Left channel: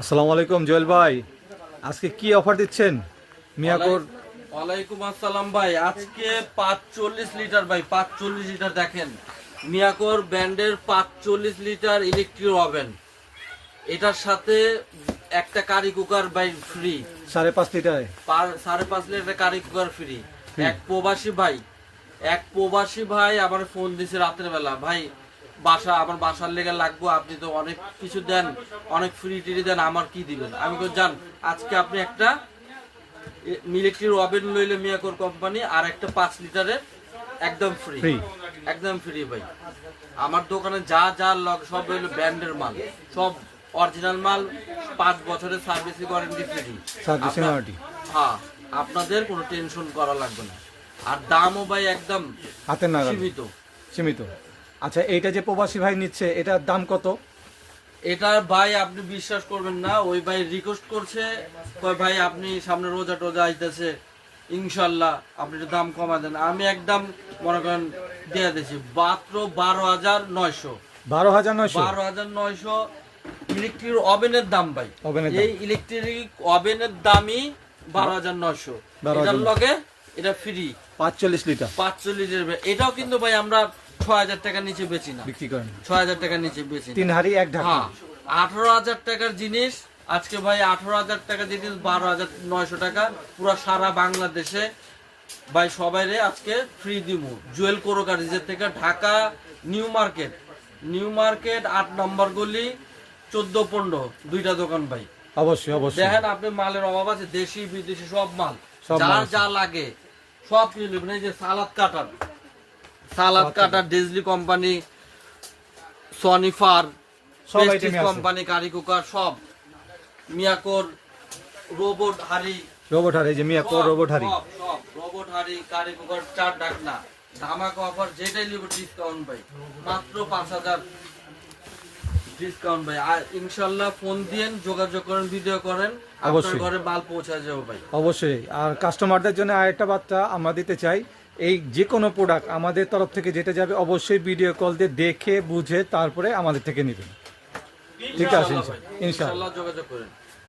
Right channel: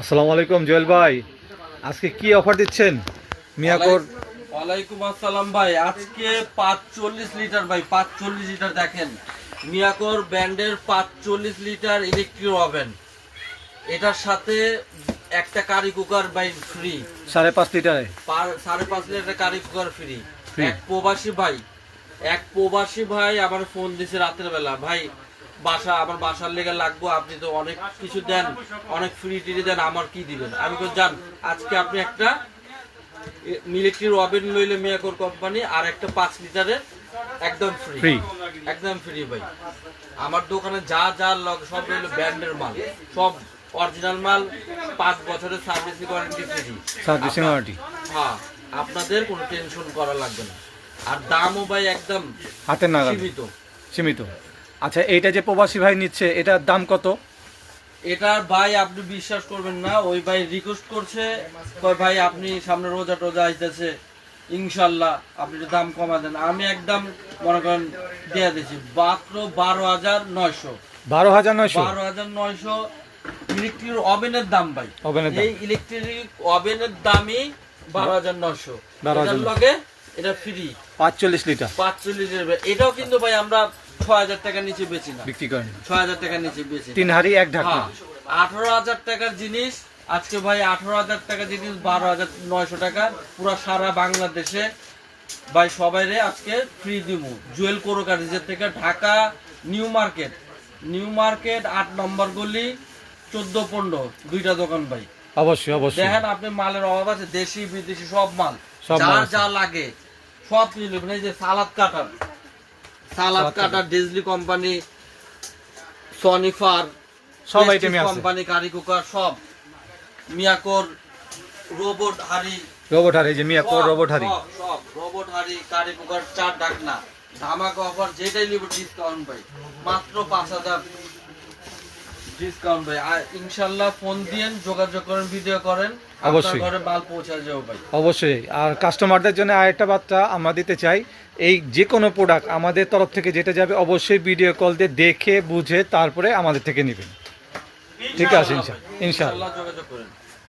আসসালামু আলাইকুম জুয়েল ভাই, আজকে কি অফার দিচ্ছেন মিয়াকোর? ওয়ালাইকুম আসসালাম ভাই। আজকে 45 লিটার ভাই, 45 লিটার দেখেন মিয়াকোর ব্র্যান্ডের 45 লিটার ইলেকট্রিক ওভেন। এটার সাথে একটা কারি কুকার ভাই ফ্রি, 5.5 লিটারে 5.5 লিটার কারি কুকার ফ্রি। এক প্রবাসী ভাই আমার ফোন দিছে রাতের বেলা, ভাই আমার বাসার লেগে লাগবো, আপনি তো অনেক কিছু দেন, অনেক ফ্রি টিরি দেন, আমার কি দিবেন? আমি কই জান, আজকে আপনি একটা ইলেকট্রিক ওভেন লইলে মিয়াকোর কোম্পানি আর একটা 5 লিটারের একদম ফ্রি, একদম ফ্রি ভাই। আমার দোকানে যা যা লগ সব হলো ব্র্যান্ডের মাল, সব অরিজিনাল মাল, 5 বছরের service warranty free. Servicing warranty, হ্যাঁ, আপনাদের কোনো টেনশন করা লাগবে না। আর দামও ভাই একদম হাতের নাগালে সীমিত। আচ্ছা, এইটা যে প্রবাসী ভাই নিচ্ছে এটার দাম কত? এটা ভাই আপনি বিশ্বাস করবেন না, ওই ভাই রিকোয়েস্ট করছে, কয় ভাই আপনি সামনে রোজা টোজা আইতেছে, ইনশাল্লাহ আপনি একটু দাম কমা দেন। আমি একদম মনে করেন দিয়ে দিয়েছি মাত্র 12,900। 12,900 ইলেকট্রিক ওভেনের দাম ভাই, এই ইলেকট্রিক ওভেনের দামই 12,900। এটার লগে এটা ফ্রি 45 লিটার। 45 লিটার। এটাও কিন্তু ভাই আমরা 6,000 টাকার নিচে বেচি না, বিক্রি করেন 6,000 টাকার নিচে বেচি। 3 হাড়ি 1 ঢাকনা। 18,000 টাকার জিনিস আজকে ভাই 18,000 টাকার জিনিস 12,900 টাকা, পুরো সারা বাংলাদেশে ভাই সবাইরে আজকে ফ্রি দিব। জুয়েল কোরোকারিজের থেকে ঢাকা নিউ মার্কেট 8 নম্বর গলি 14-15 দুইটা দোকান ভাই। অবশ্যই দেখেন আপনি মালের অভাব আছে, দেশি বিদেশি সব মাল যার যা লাগে সব কিছু নেবেন। এই যে সালাদ কাটার ডিজলি কোম্পানি, সনিফার সব আইটেম আছে, কোম্পানি কারি কুকার, সব মিয়াকোর রোবট হাড়ি, যে মিয়াকোর রোবট হাড়ি, সব রোবট হাড়ি, কারি কুকার, 4 ঢাকনা, ধামাকা অফার, যেটাই নিব ডিসকাউন্ট ভাই, মাত্র 5,000 ডিসকাউন্ট ভাই। আর ইনশাআল্লাহ ফোন দিয়েন, যোগাযোগ করেন, ভিডিও করেন, অবশ্যই ঘরে মাল পৌঁছে যাবে ভাই। অবশ্যই। আর কাস্টমারদের জন্য আরেকটা বার্তা আমরা দিতে চাই, এই যে কোনো প্রোডাক্ট আমাদের তরফ থেকে যেটা যাবে অবশ্যই ভিডিও কল দিয়ে দেখে বুঝে তারপরে আমাদের থেকে নেবেন। ঠিক আছে, ইনশাআল্লাহ যোগাযোগ করেন।